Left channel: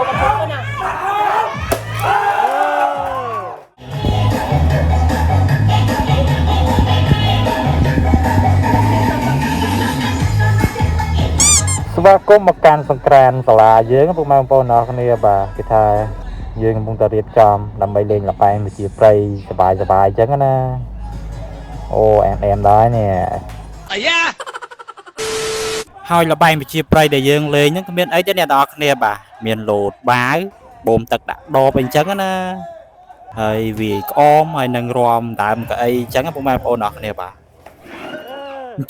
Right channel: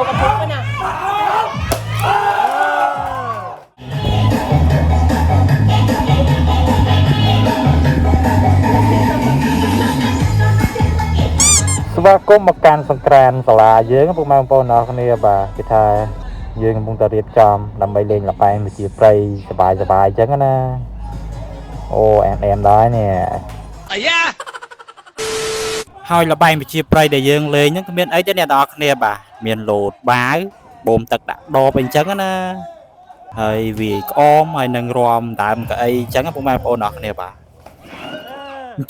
สวัสดีมาการสงกรานต์สลาเยอะก็พวกมาปนอคนนี้บ่ากิทาเยอะกับพวกตะเรียดจอมนำไปเล่นละไปมาจีบไปสบายจังกันนะโอ้แอมได้เนี่ยหอยละไปมาจีบไปเดี๋ยวยังเลยยังก็มีไอ้เจ้าเนี่ยดอกเนี่ยบ่ามีโหลดบ้าบ่มตักดโดเป็นจังกันนะไอ้วีกอ้อมไอ้นังรวมตามกับไอ้จังกับพวกมาปนอคนนี้บ่า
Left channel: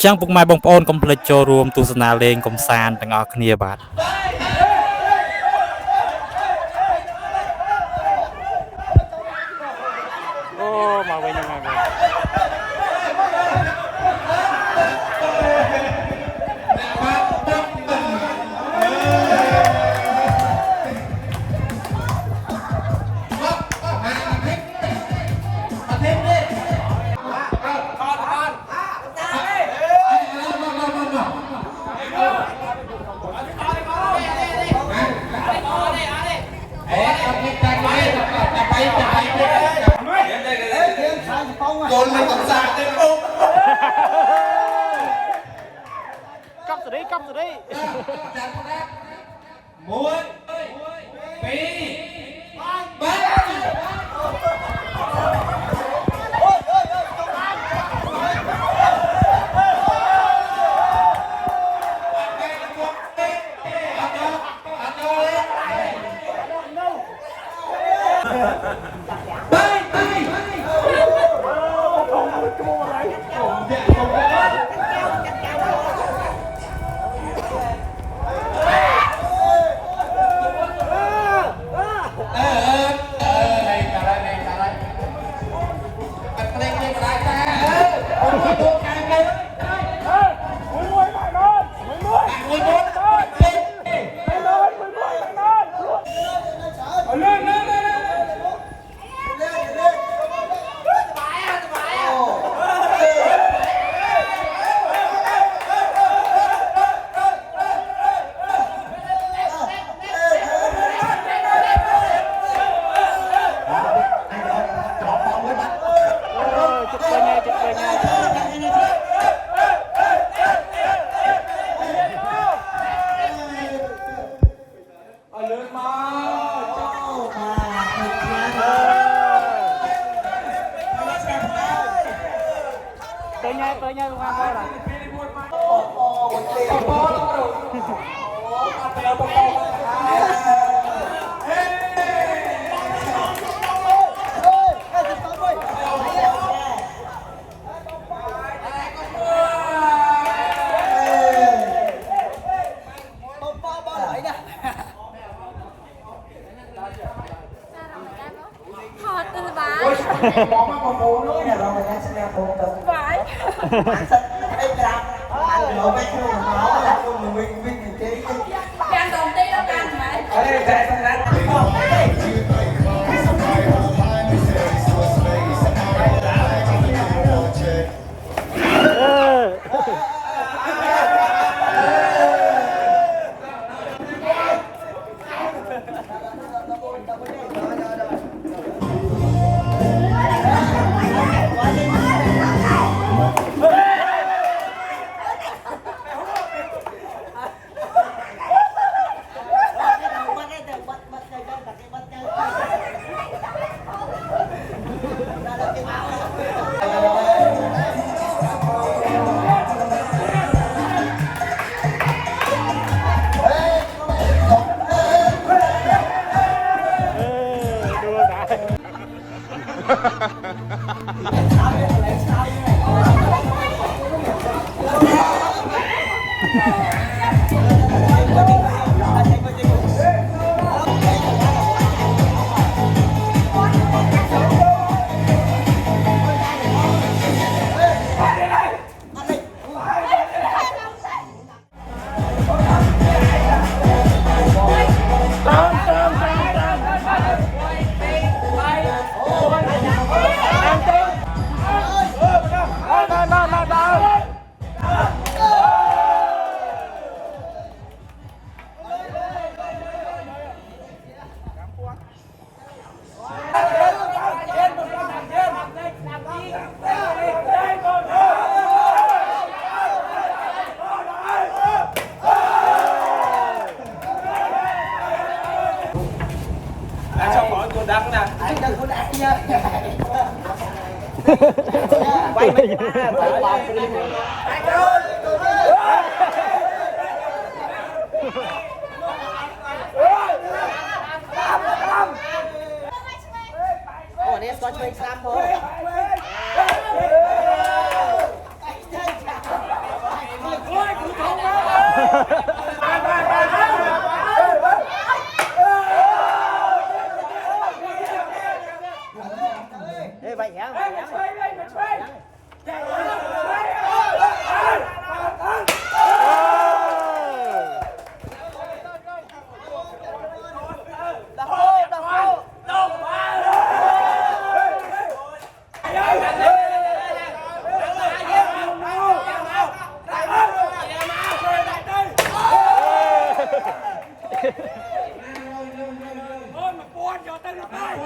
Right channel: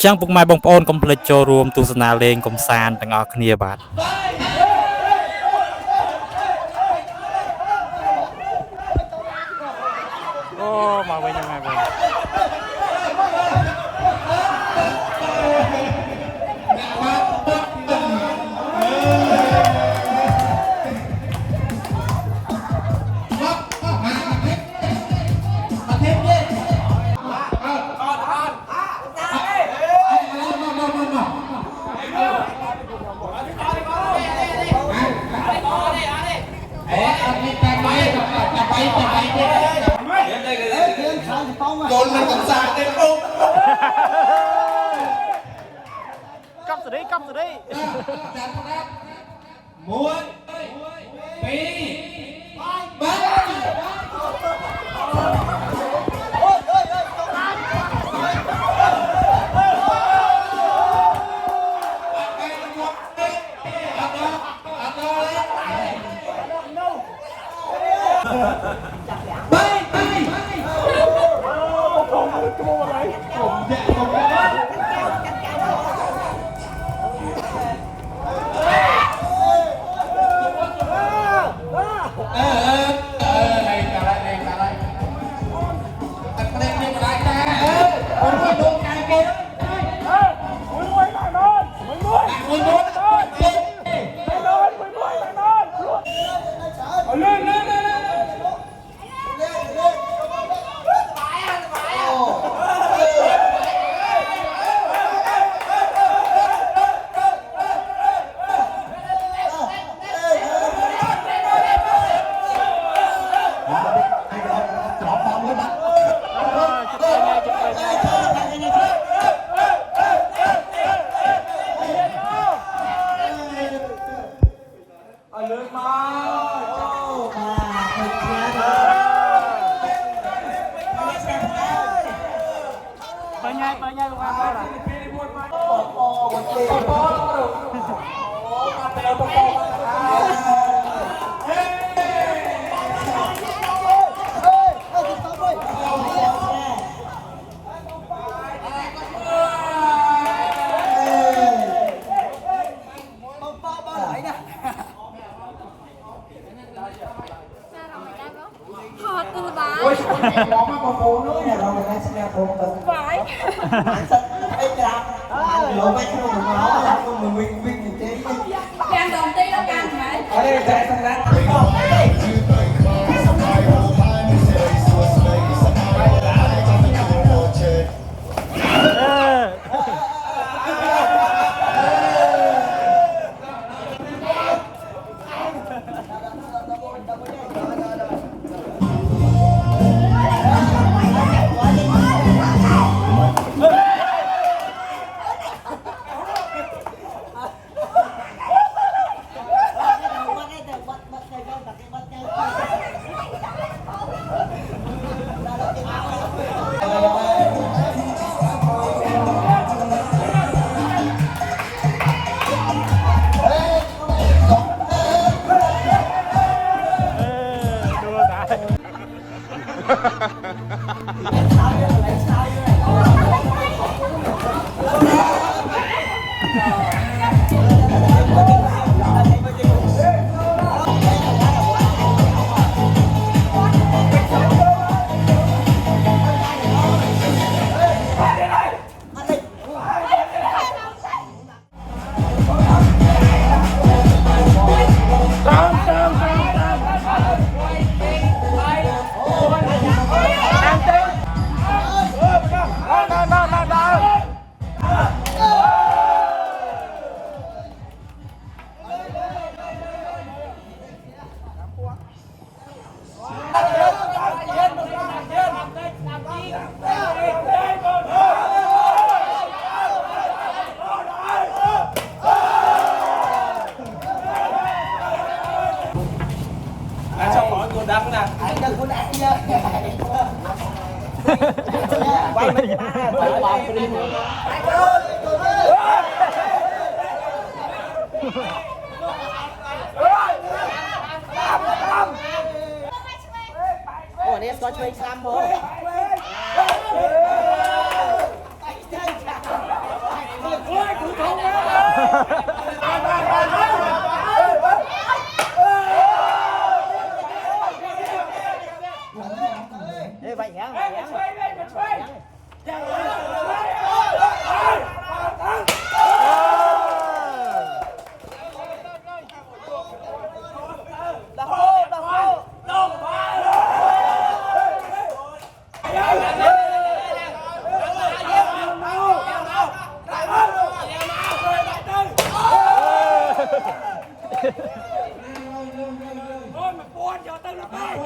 จังพวกมาบงปอนคอมเพล็กซ์โจรวมตุสนาเลงคอมซานต่างออกเนียบาทโอ้มาไว้ยังไงกันcắm từ đây mộtปีไปไงว่าล่ะCàng đồng tí nó càng โอ้เนี่ยก็ช่วยเฮ้ยไปยังไปยังÔi mà buồn cho tên nó bay.